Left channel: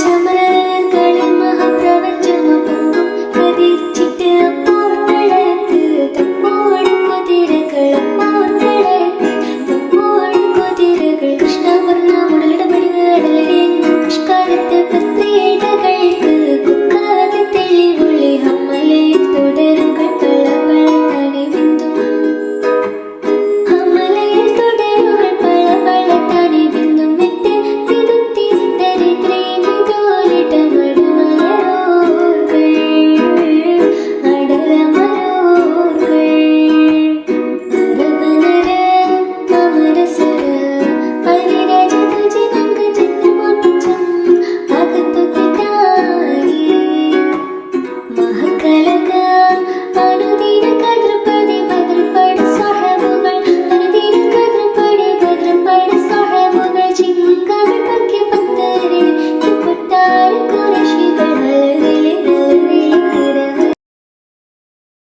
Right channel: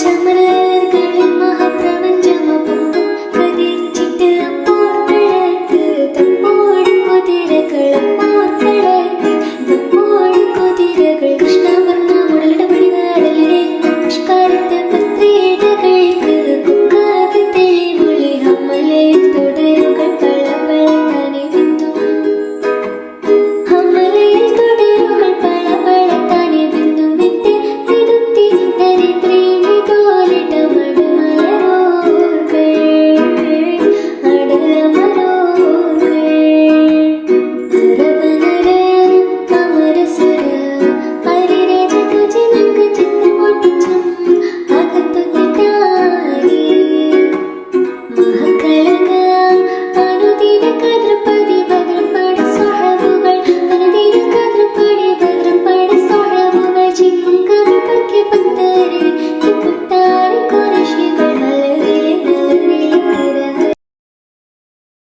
ചമര